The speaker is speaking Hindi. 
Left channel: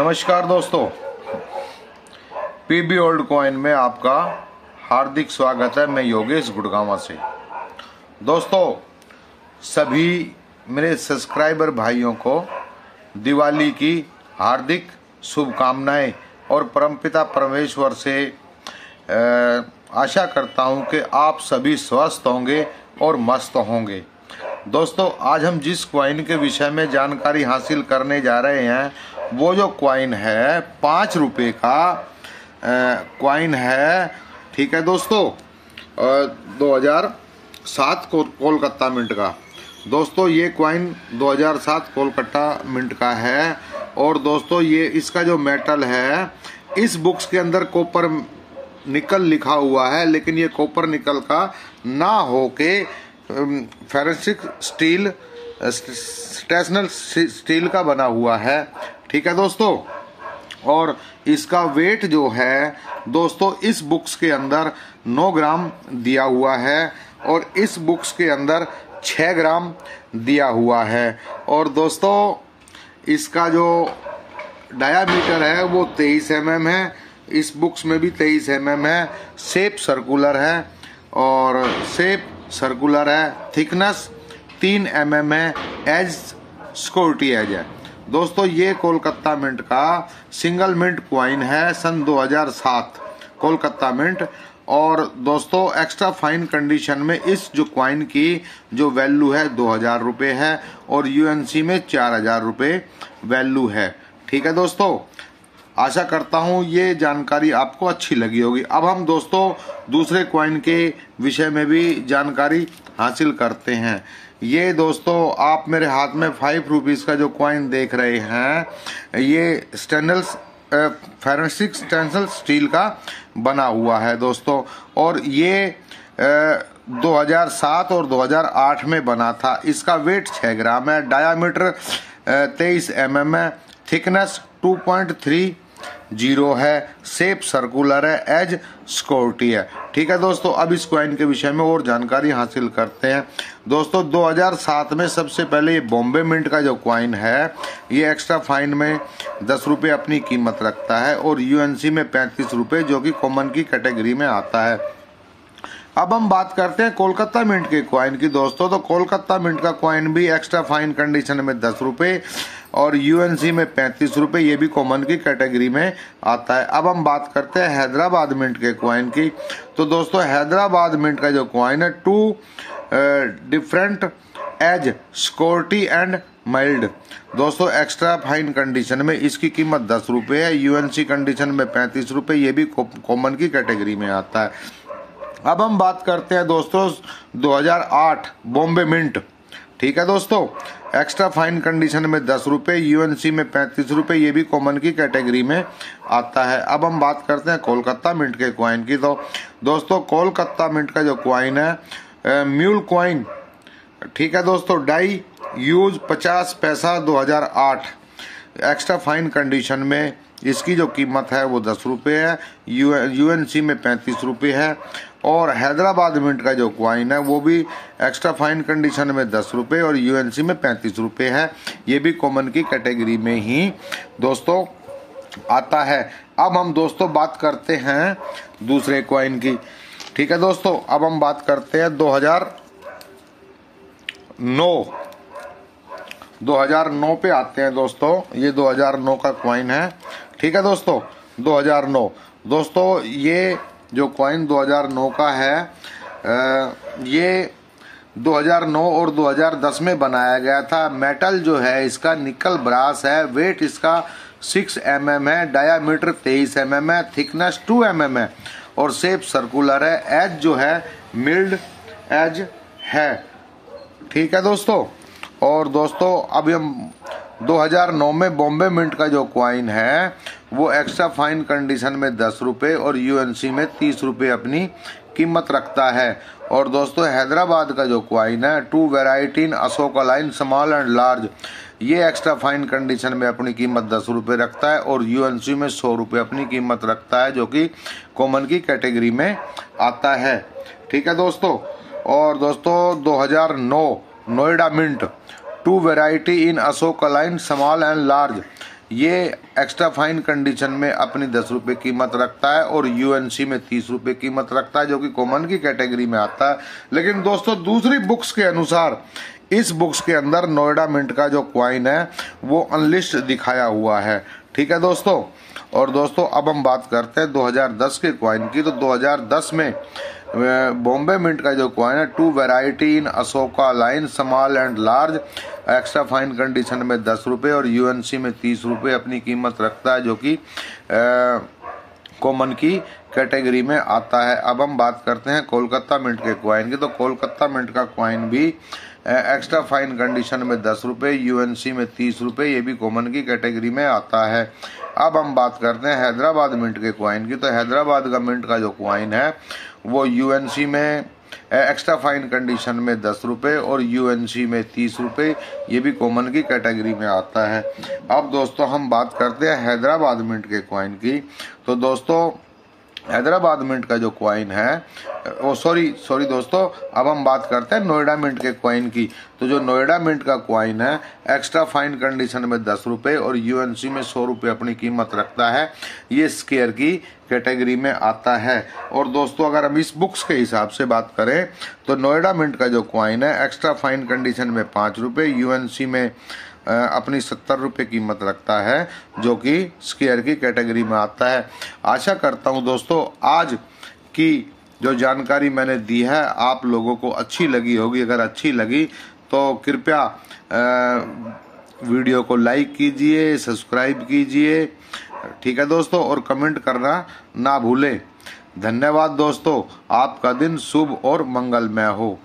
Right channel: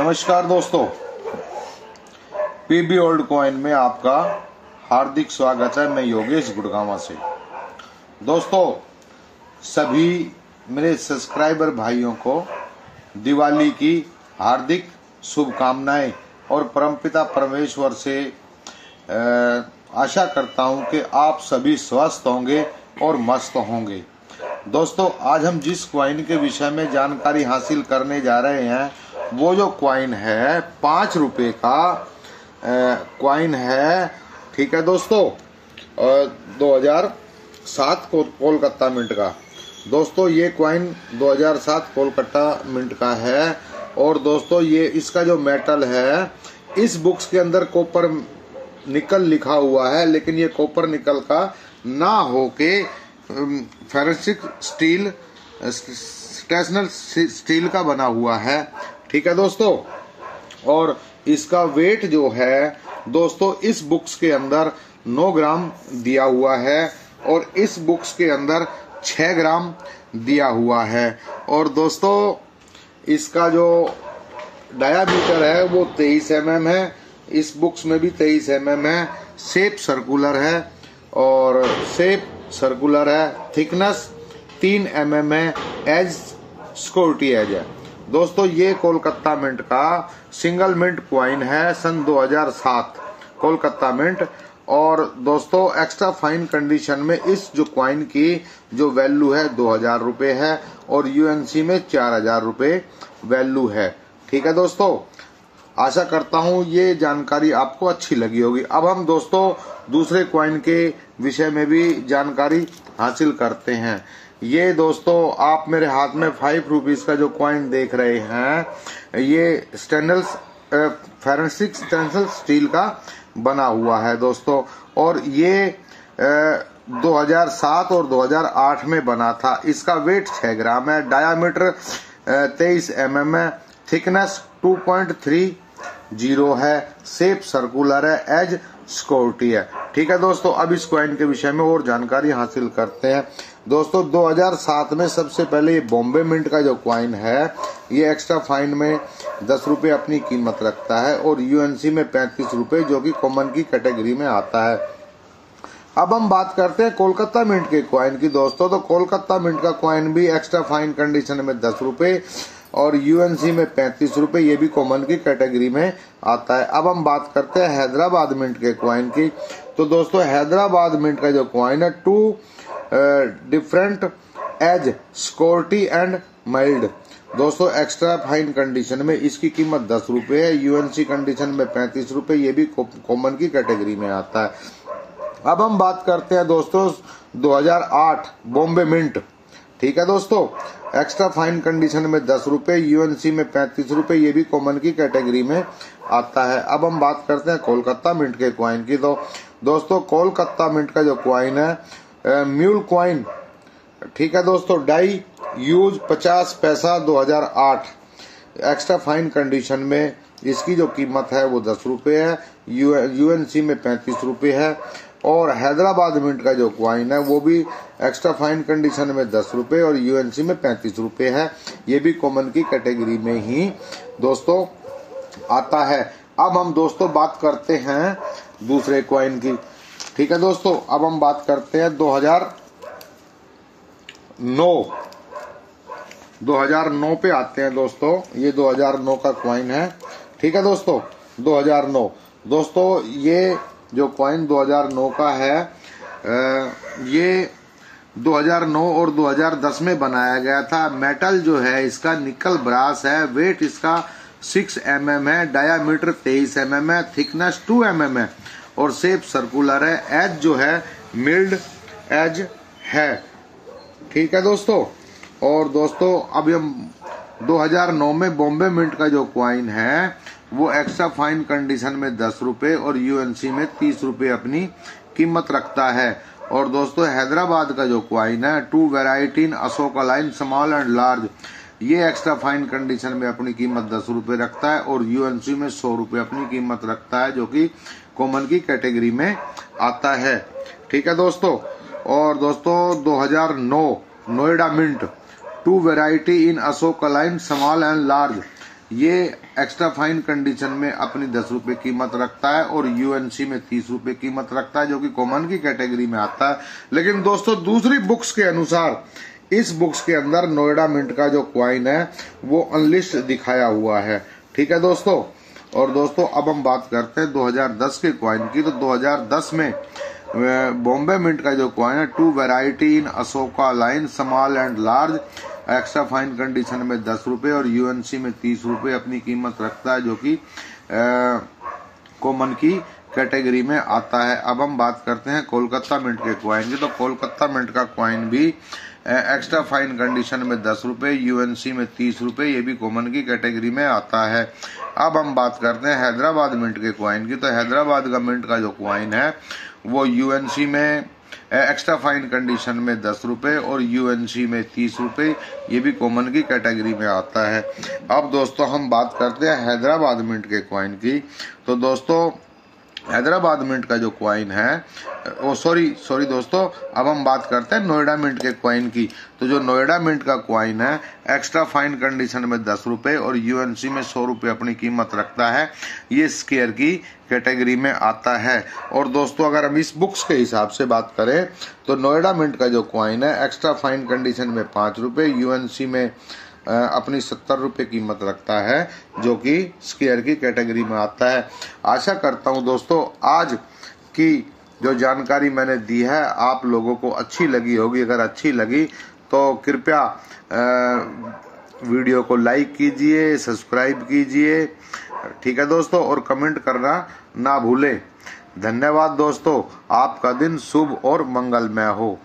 नमस्कार दोस्तों, पीबी ओल्ड कॉइन में आपका हार्दिक स्वागत है। मैं योगेश गुड़गांवा से। दोस्तों, सभी मेरे सब्सक्राइबर भाइयों को दिवाली की हार्दिक शुभकामनाएं और परमपिता परमेश्वर से आशा करता हूं कि आप सभी स्वस्थ होंगे और मस्त होंगे। दोस्तों, आज हम जिस क्वाइन के विषय में जानकारी हासिल करने जा रहे हैं, वो जो क्वाइन है 5 रुपए का क्वाइन है। ठीक है दोस्तों, 2007 कोलकाता मिंट का। दोस्तों, ये क्वाइन 2007 कोलकाता मिंट का है। और दोस्तों, ये इसका जो मेटल है, इस बुक्स के अंदर कॉपर निकल लिखा हुआ है, लेकिन ये कॉपर निकल का ना होके फेरेंसिक स्टील स्टेशनल स्टील का बना हुआ है। ठीक है दोस्तों, और इसका वेट जो है दोस्तों, इस बुक्स के अंदर 9 ग्राम दिया हुआ है और इस बुक्स के अंदर 6 ग्राम दिया हुआ है। और दोस्तों, इसका जो डायामीटर है वो 23 mm है। इस बुक्स में भी 23 mm है। शेप सर्कुलर है और शेप सर्कुलर है। थिकनेस 3 mm है। एज स्क्वायर्टी एज है। दोस्तों, ये कोलकाता मिंट का सिंगल मिंट क्वाइन है, सन 2007 कोलकाता मिंट। और दोस्तों, एक्स्ट्रा फाइन कंडीशन में इस जो क्वाइन की जो वैल्यू है 2000 रुपए है और यूएनसी में 4000 रुपए वैल्यू है। ठीक है दोस्तों, आशा करता हूं ये जानकारी आपको अच्छी लगी होगी। अब हम दोस्तों दूसरे क्वाइन के विषय में भी जानकारी हासिल करते हैं। ये दोस्तों, आप मेरे हाथ में 5 रुपीज का जो क्वाइन देख रहे हैं, ये स्टेनलेस फेरेंसिक स्टेनलेस स्टील का बना हुआ है दोस्तों। और ये 2007 और 2008 में बना था। इसका वेट 6 ग्राम है। डायामीटर 23 mm है। थिकनेस 2.30 है। शेप सर्कुलर है। एज स्क्वायर्टी है। ठीक है दोस्तों, अब इस क्वाइन के विषय में और जानकारी हासिल करते हैं। दोस्तों, 2007 में सबसे पहले ये बॉम्बे मिंट का जो क्वाइन है, ये एक्स्ट्रा फाइन में 10 रुपए अपनी कीमत रखता है और यूएनसी में 35 रुपए, जो कि कॉमन की कैटेगरी में आता है। अब हम बात करते हैं कोलकाता मिंट के क्वाइन की। दोस्तों, तो कोलकाता मिंट का क्वाइन भी एक्स्ट्रा फाइन कंडीशन में 10 रुपए और यूएनसी में 35 रुपए, ये भी कॉमन की कैटेगरी में आता है। अब हम बात करते हैं हैदराबाद मिंट के क्वाइन की। तो दोस्तों, हैदराबाद मिंट का जो क्वाइन है 2 डिफरेंट एज स्क्वायर्टी एंड माइल्ड। दोस्तों, एक्स्ट्रा फाइन कंडीशन में इसकी कीमत 10 रुपए है। यूएनसी कंडीशन में 35 रुपए, ये भी कॉमन की कैटेगरी में आता है। अब हम बात करते हैं दोस्तों 2008 बॉम्बे मिंट। ठीक है दोस्तों, एक्स्ट्रा फाइन कंडीशन में 10 रुपए, यूएनसी में 35 रुपए, ये भी कॉमन की कैटेगरी में आता है। अब हम बात करते हैं कोलकाता मिंट के क्वाइन की। तो दोस्तों, कोलकाता मिंट का जो क्वाइन है म्यूल क्वाइन। ठीक है दोस्तों, डाई यूज 50 पैसा 2008, एक्स्ट्रा फाइन कंडीशन में इसकी जो कीमत है वो 10 रुपए है। यूएनसी में 35 रुपए है। और हैदराबाद मिंट का जो क्वाइन है वो भी एक्स्ट्रा फाइन कंडीशन में 10 रुपए और यूएनसी में 35 रुपए है, ये भी कॉमन की कैटेगरी में ही दोस्तों आता है। अब हम दोस्तों बात करते हैं दूसरे क्वाइन की। ठीक है दोस्तों, अब हम बात करते हैं 2009 पे आते हैं दोस्तों। ये 2009 का क्वाइन है। ठीक है दोस्तों, 2009। दोस्तों, ये जो क्वाइन 2009 का है, ये 2009 और 2010 में बनाया गया था। मेटल जो है इसका निकल ब्रास है। वेट इसका 6 mm है। डायामीटर 23 mm है। थिकनेस 2 mm है और शेप सर्कुलर है। एज जो है मिल्ड एज है। ठीक है दोस्तों, और दोस्तों, अब हम 2009 में बॉम्बे मिंट का जो क्वाइन है वो एक्स्ट्रा फाइन कंडीशन में 10 रुपए और यूएनसी में 30 रुपए अपनी कीमत रखता है। और दोस्तों, हैदराबाद का जो क्वाइन है 2 variety in Ashoka line small and large, ये एक्स्ट्रा फाइन कंडीशन में अपनी कीमत 10 रुपए रखता है और यूएनसी में 100 रुपए अपनी कीमत रखता है, जो कि कॉमन की कैटेगरी में आता है। ठीक है दोस्तों, और दोस्तों 2009 Noida mint 2 variety in Ashoka line small and large, ये एक्स्ट्रा फाइन कंडीशन में अपनी 10 रुपए कीमत रखता है और यूएनसी में 30 रुपए कीमत रखता है, जो कि कॉमन की कैटेगरी में आता है। लेकिन दोस्तों दूसरी बुक्स के अनुसार इस बुक्स के अंदर नोएडा मिंट का जो क्वाइन है वो अनलिस्ट दिखाया हुआ है। ठीक है दोस्तों। और दोस्तों अब हम बात करते हैं 2010 के क्वाइन की। तो 2010 में बॉम्बे मिंट का जो क्वाइन है, 2 variety in Ashoka line small and large, extra fine condition में 10 रुपए और यूएनसी में 30 रुपए अपनी कीमत रखता है, जो कि कॉमन की कैटेगरी में आता है। अब हम बात करते हैं कोलकाता मिंट के क्वाइन की। तो कोलकाता मिंट का क्वाइन भी एक्स्ट्रा फाइन कंडीशन में 10 रुपए, यूएनसी में 30 रुपए, ये भी कॉमन की कैटेगरी में आता है। अब हम बात करते हैं हैदराबाद मिंट के क्वाइन की। तो हैदराबाद का मिंट का जो क्वाइन है वो यूएनसी में एक्स्ट्रा फाइन कंडीशन में 10 रुपए और यूएनसी में 30 रुपए, ये भी कॉमन की कैटेगरी में आता है। अब दोस्तों हम बात करते हैं हैदराबाद मिंट के क्वाइन की। तो दोस्तों हैदराबाद मिंट का जो क्वाइन है, सॉरी दोस्तों, अब हम बात करते हैं नोएडा मिंट के क्वाइन की। तो जो नोएडा मिंट का क्वाइन है एक्स्ट्रा फाइन कंडीशन में 10 रुपए और यूएनसी में 100 रुपए अपनी कीमत रखता है, ये स्केयर की कैटेगरी में आता है। और दोस्तों अगर हम इस बुक्स के हिसाब से बात करें तो नोएडा मिंट का जो क्वाइन है एक्स्ट्रा फाइन कंडीशन में 5 रुपए, यूएनसी में अपनी 70 रुपए कीमत रखता है, जो कि स्केयर की कैटेगरी में आता है। आशा करता हूं दोस्तों आज की जो जानकारी मैंने दी है आप लोगों को अच्छी लगी होगी। अगर अच्छी लगी तो कृपया वीडियो को लाइक कीजिए, सब्सक्राइब कीजिए। ठीक है दोस्तों, और कमेंट करना ना भूलें। धन्यवाद दोस्तों, आपका दिन शुभ और मंगलमय हो।